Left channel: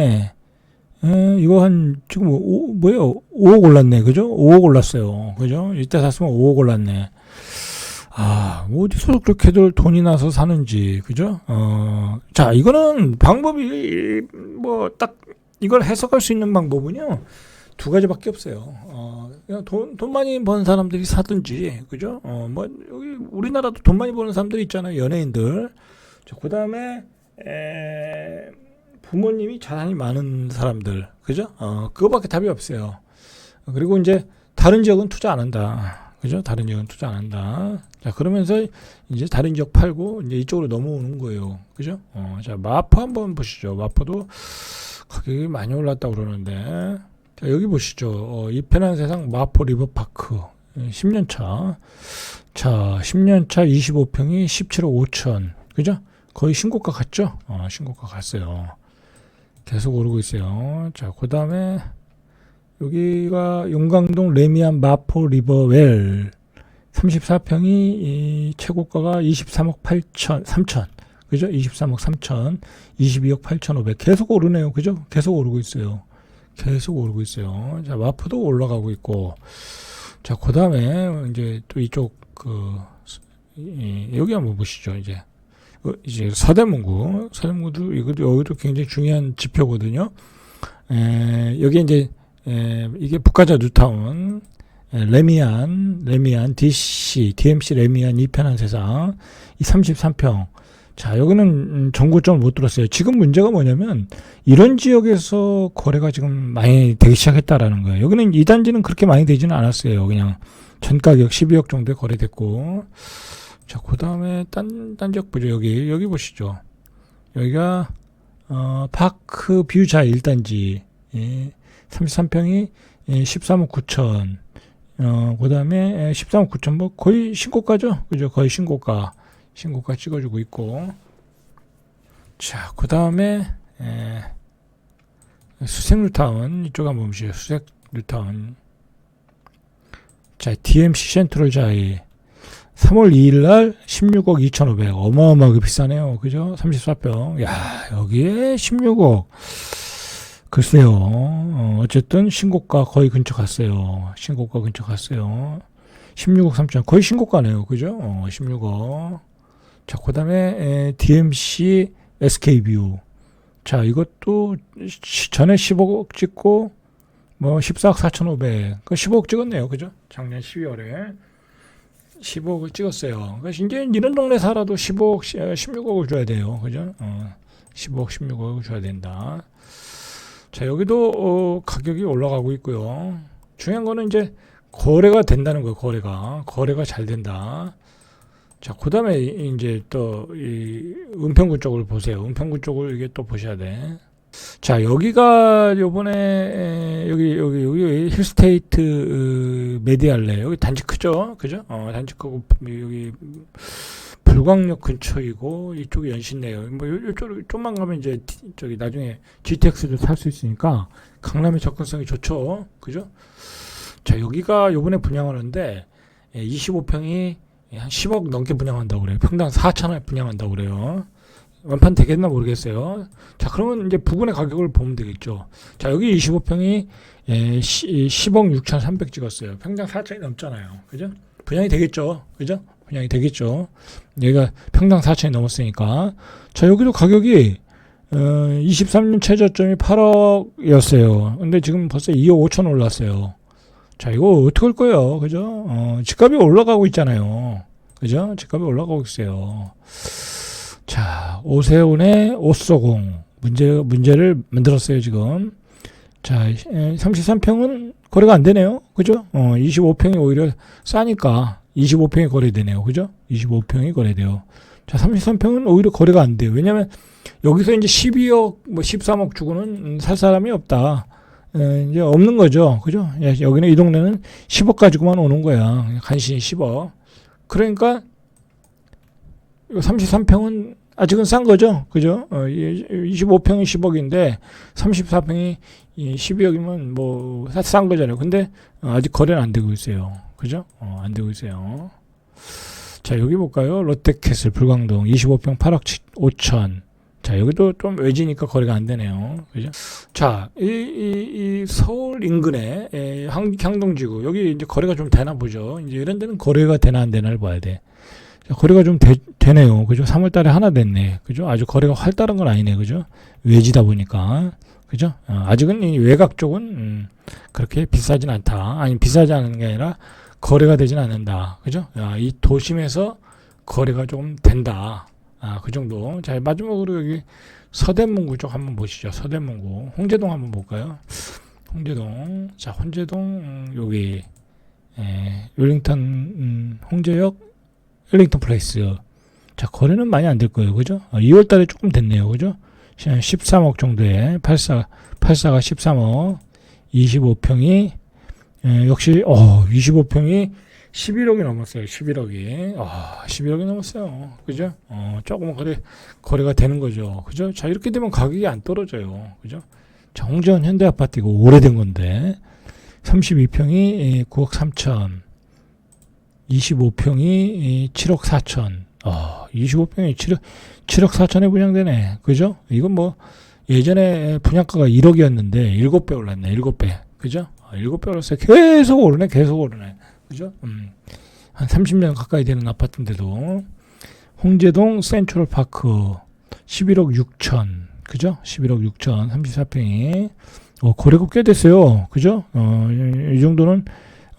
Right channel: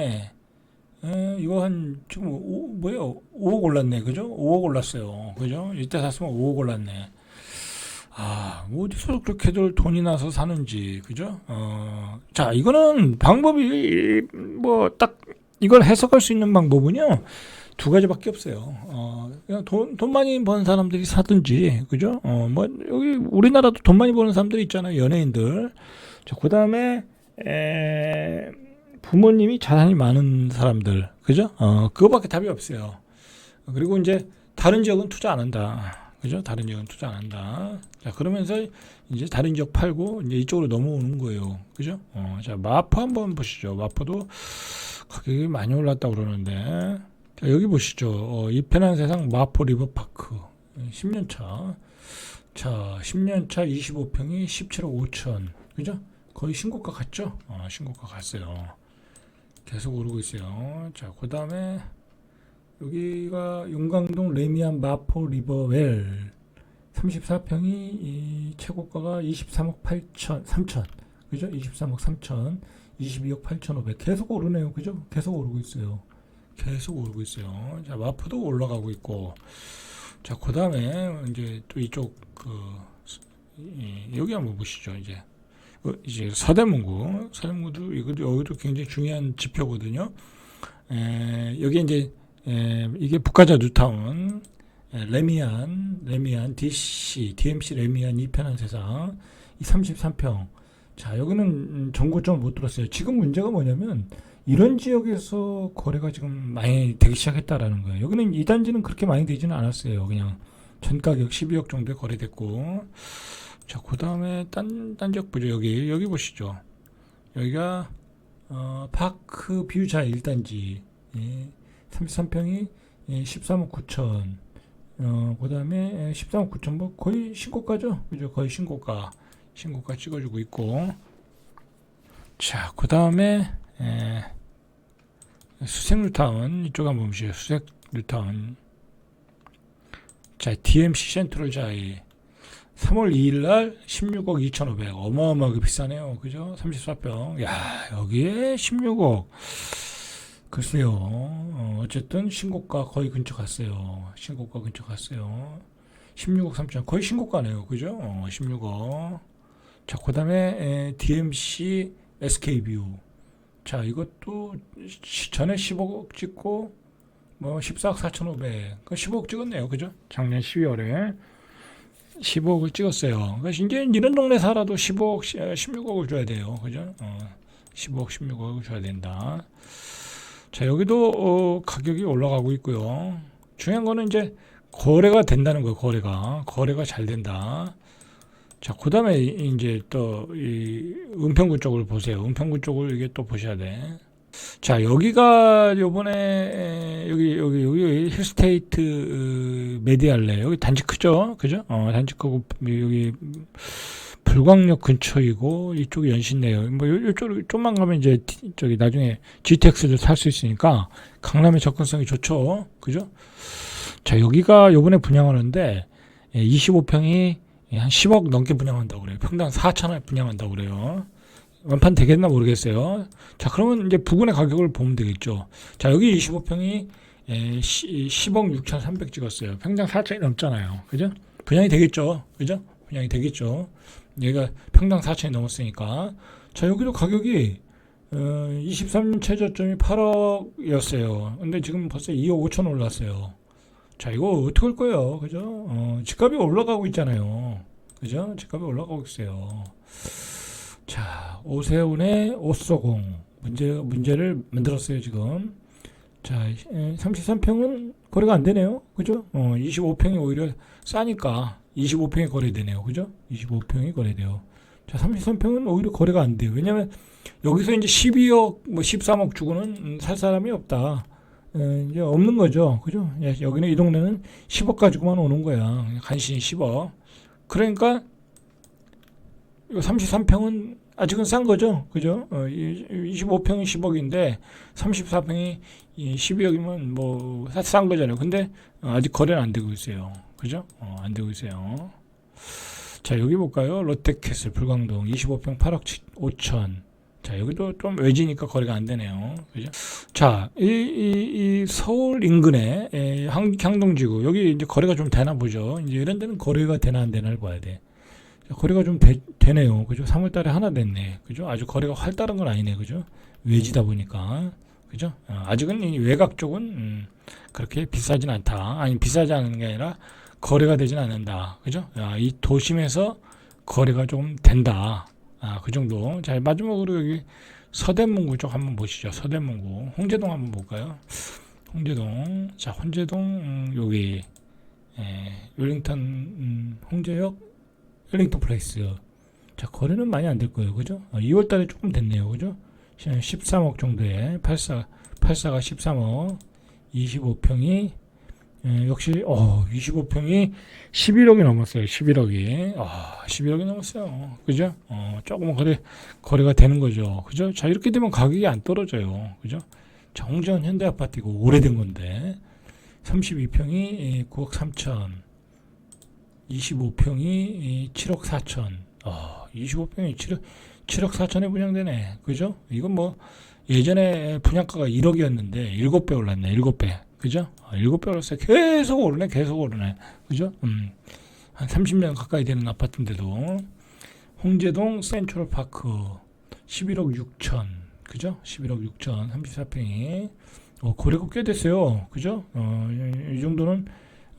올랐네. 에, 이거 한 지금 오, 뭐예요? 5억 올랐네, 그죠? 5억 올랐어요, 그죠? 이때 샀으면 5억 올랐네. 아, 뭐 어디서 그렇게들 돈이 나서 사는지, 그죠? 어, 자, 이거는 방법이 뭐 딱 이걸 해석할 수 있는 방법은요 두 가지밖에 없어요. 어, 그냥 돈, 돈 많이 번 사람들이 사든지, 그죠? 어, 뭐 여기 우리나라도 돈 많이 버는 사람들이 있잖아요, 연예인들. 자, 그 다음에 에, 부모님이 자산이 많은 사람들, 그죠? 어, 그거밖에 답이 없어요. 그리고 이제 다른 지역은 투자 안 한다. 그죠? 다른 지역은 투자 안 한다. 자, 그러면서 이제 다른 지역 팔고 이제 이쪽으로 넘어오는 거예요. 그죠? 어, 자, 마포 한번 보시죠. 마포도 가격이 많이 올랐다고 그러는데. 자, 여기 보시죠. 어, 이 편한 세상 마포 리버파크. 10년 차. 자, 10년 차 25평이 17억 5천. 그죠? 거의 신고가 갔죠? 어, 신고가 갔어요. 계속 오르고 있어요. 자, 그 다음에 여기가 용강동 레미안 마포 리버웰 34평이 이 최고가가 23억 8천 3천 그죠? 23억 3천 22억 8천 5백 계속 오르네요. 그죠? 계속 오르고 있어요. 계속 오르고 있어요. 자, 마포도 올라가고 있고 자, 그 다음에 이제 또 이쪽 그 이, 여기 한번 보시죠. 이제 어, 이제 서대문구 서대문구도 이것도 여기도 굉장히 중요한 지표거든요. 에, 여기 이제 에, 이게 북가자 뉴타운 에, 레미안 레미안 DC DMC 레미안 이편한 세상 이 33평. 자 여기는 음, 정고점을 못 들었어요. 지금 문제가 뭐냐면 이런 지역에서 거래가 지금 많이 되기 시작했다라는 거예요. 여기는 이 단지는 그렇게 많이 되지는 않았어요. 그냥 전 가격 12억 정도에 거래됐고 자 그 다음에 딴, 딴 지역 보죠 여기 여기 보시죠 여기가 어, 파크 뷰자 1단지 예. 33평이 13억 9천. 어, 그 다음에 13억 9천, 뭐 거의 신고가죠? 그죠? 거의 신고가. 신고가 찍어주고 있고. 자, 그 다음에, 수색 뉴타운. 이쪽 한번 보시죠. 수색 뉴타운. 자, DMC 센트럴 자이. 3월 2일 날 16억 2,500. 어마어마하게 비싸네요. 그죠? 34평. 야, 여기에 16억. 글쎄요. 어, 어쨌든 신고가 거의 근처 갔어요. 신고가 근처 갔어요. 16억 3천 거의 신고가네요. 그죠? 어, 16억. 자, 그 다음에 DMC SK뷰. 자, 이것도 시- 전에 15억 찍고 뭐 14억 4,500. 그 15억 찍었네요. 그죠? 작년 12월에 15억을 찍었어요. 그러니까 이제 이런 동네 살아도 15억, 16억을 줘야 돼요. 그죠? 어, 15억, 16억을 줘야 된다. 자, 여기도 어, 가격이 올라가고 있고요. 중요한 거는 이제 거래가 된다는 거예요. 거래가 거래가 잘 된다. 자, 그다음에 이- 이제 또 이 은평구 쪽을 보세요. 은평구 쪽을 이게 또 보셔야 돼. 자, 여기가 요번에 에, 여기 여기 여기 힐스테이트 어, 메디알레 여기 단지 크죠, 그죠? 어, 단지 크고 여기 불광역 근처이고 이쪽이 연신내요. 뭐 요- 요쪽 좀만 가면 이제 디- 저기 나중에 GTX를 살수 있으니까 강남의 접근성이 좋죠. 그죠? 자, 여기가 요번에 분양하는데 25평이 한 10억 넘게 분양한다고 그래요. 평당 4천원 분양한다고 그래요. 완판 되겠나 모르겠어요. 자, 그러면 이제 부근의 가격을 보면 되겠죠. 자, 여기 25평이 10억 6,300 찍었어요. 평당 4천이 넘잖아요. 그죠? 분양이 되겠죠. 그죠? 분양이 되겠죠. 여기가 평당 4천이 넘었으니까. 자, 여기도 가격이 어, 23년 최저점이 8억이었어요. 근데 지금 벌써 2억 5천 올랐어요. 자, 이거 어떻게 할 거예요? 그죠? 어, 집값이 올라가고 있잖아요. 그죠? 집값이 올라가고 있어요. 자, 오세훈의 옷소공. 문제, 문제를 만들었어요, 지금. 자, 33평은 거래가 안 되네요. 그죠? 어, 25평이 오히려 싸니까 25평이 거래되네요. 그죠? 25평이 거래돼요. 자, 33평은 오히려 거래가 안 돼요. 왜냐면 여기서 이제 12억, 뭐 13억 주고는 음, 살 사람이 없다. 에, 이제 없는 거죠. 그죠? 야, 여기는 이 동네는 10억 가지고만 오는 거야. 간신히 10억. 그러니까 33평은 아직은 싼 거죠. 그죠? 어, 25평이 10억인데 34평이 12억이면 뭐 싼 거잖아요. 근데 어, 아직 거래는 안 되고 있어요. 그죠? 어, 안 되고 있어요. 자, 여기 볼까요? 롯데캐슬 불광동 25평 8억 5천. 자, 여기도 좀 외지니까 거래가 안 되네요. 그죠? 자, 이, 이, 이 서울 인근에 에, 향, 향동지구, 여기 이제 거래가 좀 되나 보죠. 이제 이런 데는 거래가 되나 안 되나를 봐야 돼. 자, 거래가 좀 되, 되네요. 그죠? 3월 달에 하나 됐네. 그죠? 아주 거래가 활달한 건 아니네. 그죠? 외지다 보니까. 그죠? 어, 아직은 이 외곽 쪽은, 음, 그렇게 비싸진 않다. 아니, 비싸지 않은 게 아니라 거래가 되진 않는다. 그죠? 아, 이 도심에서 거래가 좀 된다. 아, 그 정도. 자, 마지막으로 여기 서대문구 쪽 한번 보시죠. 서대문구. 홍제동 한번 볼까요? 홍제동. 자, 홍제동, 음, 여기, 에, 웰링턴, 음, 홍제역, 웰링턴 플레이스. 자, 거래는 많이 안 될 거예요. 그죠? 2월 달에 조금 됐네요. 그죠? 13억 정도에, 84, 84가 13억, 25평이, 에, 역시, 어, 25평이 11억이 넘었어요. 11억이. 아, 11억이 넘었어요. 그죠? 어, 조금은 거래, 거래가 되는 거죠. 그죠? 자, 이렇게 되면 가격이 안 떨어져요. 그죠? 자, 홍전 현대 아파트 이거 오래된 건데, 32평이 9억 3천, 25평이 7억 4천, 아, 25평이 7억, 7억 4천에 분양되네. 그죠? 이건 뭐, 예전에 분양가가 1억이었는데, 7배 올랐네. 7배. 그죠? 아, 7배 올랐어요. 계속 오르네. 계속 오르네. 그죠? 음, 한 30년 가까이 되는 아파트인데도 홍제동 센트럴 파크 11억 6천 그죠? 11억 6천 34평이 어, 거래가 꽤 됐어요. 그죠? 어, 이, 이 정도는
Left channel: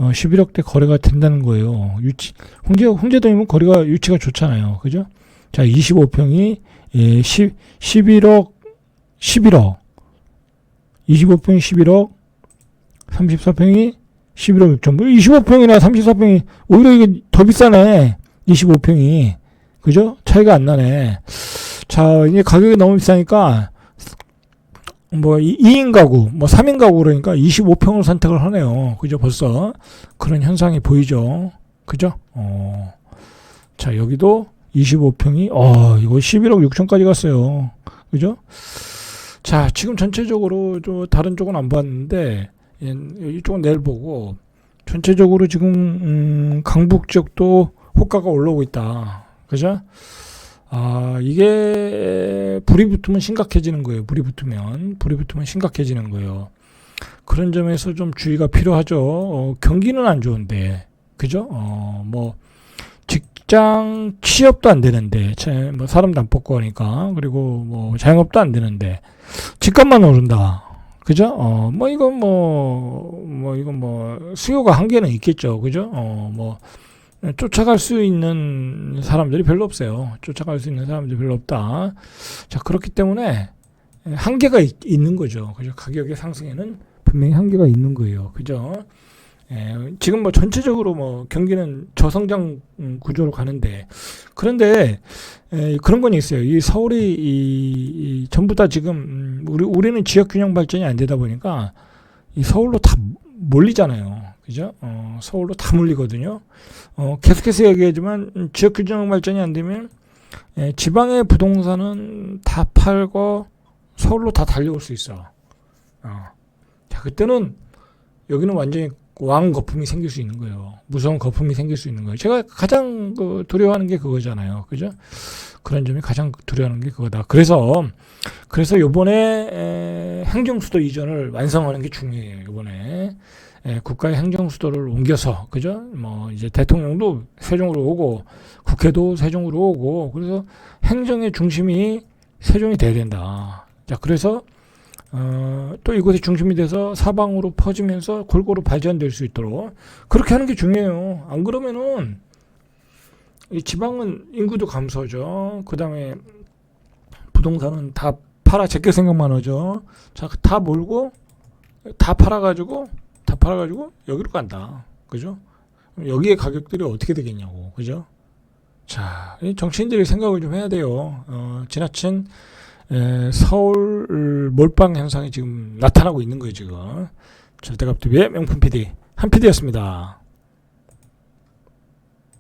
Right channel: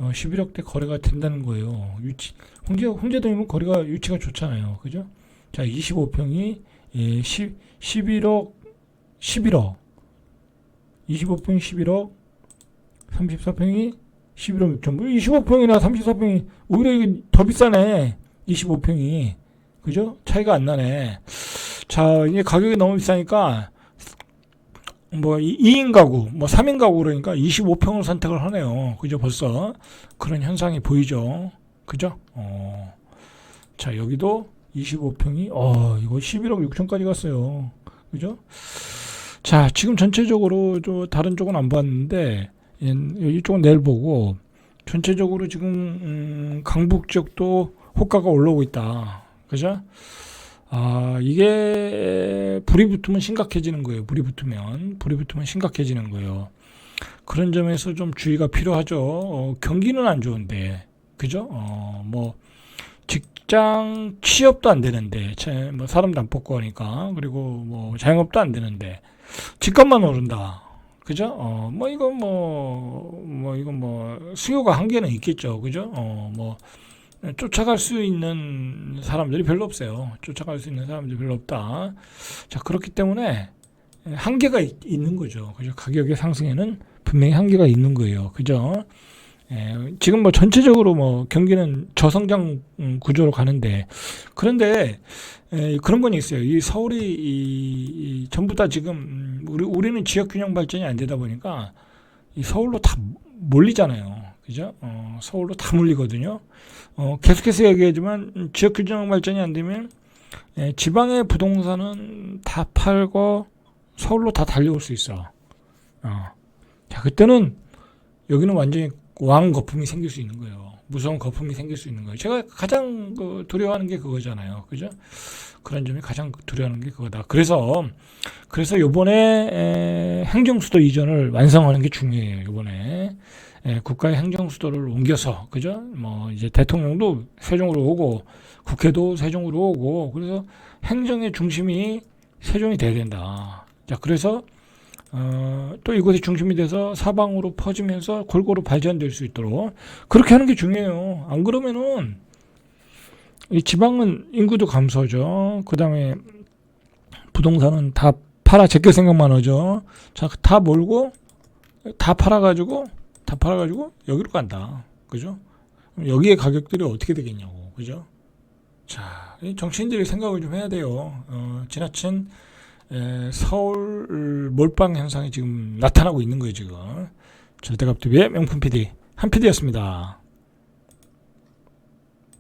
어, 11억 대 거래가 된다는 거예요. 유치 홍제 홍제동이면 거래가 유치가 좋잖아요. 그죠? 자, 25평이 예, 10, 11억 11억 25평이 11억 34평이 11억 6천. 25평이나 34평이 오히려 이게 더 비싸네. 25평이. 그죠? 차이가 안 나네. 자, 이제 가격이 너무 비싸니까 뭐 2인 가구, 뭐 3인 가구 그러니까 25평을 선택을 하네요. 그죠? 벌써 그런 현상이 보이죠. 그죠? 어. 자, 여기도 25평이 어, 이거 11억 6천까지 갔어요. 그죠? 자, 지금 전체적으로 저 다른 쪽은 안 봤는데 예, 이쪽은 내일 보고 전체적으로 지금 음, 강북 지역도 호가가 올라오고 있다. 그죠? 아 이게 불이 붙으면 심각해지는 거예요. 불이 붙으면 불이 붙으면 심각해지는 거예요. 그런 점에서 좀 주의가 필요하죠. 어, 경기는 안 좋은데 그죠? 어, 뭐 직장 취업도 안 되는데 뭐 사람도 안 뽑고 하니까 그리고 뭐 자영업도 안 되는데 집값만 오른다. 그죠? 어, 뭐, 이건 뭐, 뭐, 이건 뭐, 수요가 한계는 있겠죠. 그죠? 어, 뭐, 쫓아갈 수 있는 사람들이 별로 없어요. 쫓아갈 수 있는 사람들이 별로 없다. 자, 그렇기 때문에 한계가 있, 는 거죠. 그죠? 가격의 상승에는 분명히 한계가 있는 거예요. 그죠? 예, 지금 뭐 전체적으로 뭐 경기는 저성장 구조로 가는데 그런데 에, 그런 건 있어요. 이 서울이 이, 이 전부 다 지금 음, 우리 우리는 지역 균형 발전이 안 되다 보니까 이 서울로 다 몰리잖아요. 그죠? 어, 서울로 다 몰리거든요. 어, 계속해서 얘기하지만 지역 균형 발전이 안 되면 에, 지방의 부동산은 다 팔고 서울로 다 달려올 수 있어. 어. 자, 그때는 여기는 완전히 왕 거품이 생길 수 있는 거예요. 무서운 거품이 생길 수 있는 거예요. 제가 가장 그 두려워하는 게 그거잖아요. 그죠? 그런 점이 가장 두려워하는 게 그거다. 그래서 그래서 요번에 행정수도 이전을 완성하는 게 중요해요. 요번에 에, 국가의 행정 수도를 옮겨서 그죠? 뭐 이제 대통령도 세종으로 오고 국회도 세종으로 오고 그래서 행정의 중심이 세종이 돼야 된다. 자, 그래서 어, 또 이곳이 중심이 돼서 사방으로 퍼지면서 골고루 발전될 수 있도록 그렇게 하는 게 중요해요. 안 그러면은 이 지방은 인구도 감소죠. 그 다음에 부동산은 다 팔아 제껴 생각만 하죠. 자, 다 몰고 다 팔아가지고 다 팔아가지고 여기로 간다. 그죠? 여기에 가격들이 어떻게 되겠냐고. 그죠? 자, 정치인들이 생각을 좀 해야 돼요. 어, 지나친 에, 서울 몰빵 현상이 지금 나타나고 있는 거예요, 지금. 절대값TV의 명품 PD, 한 PD였습니다.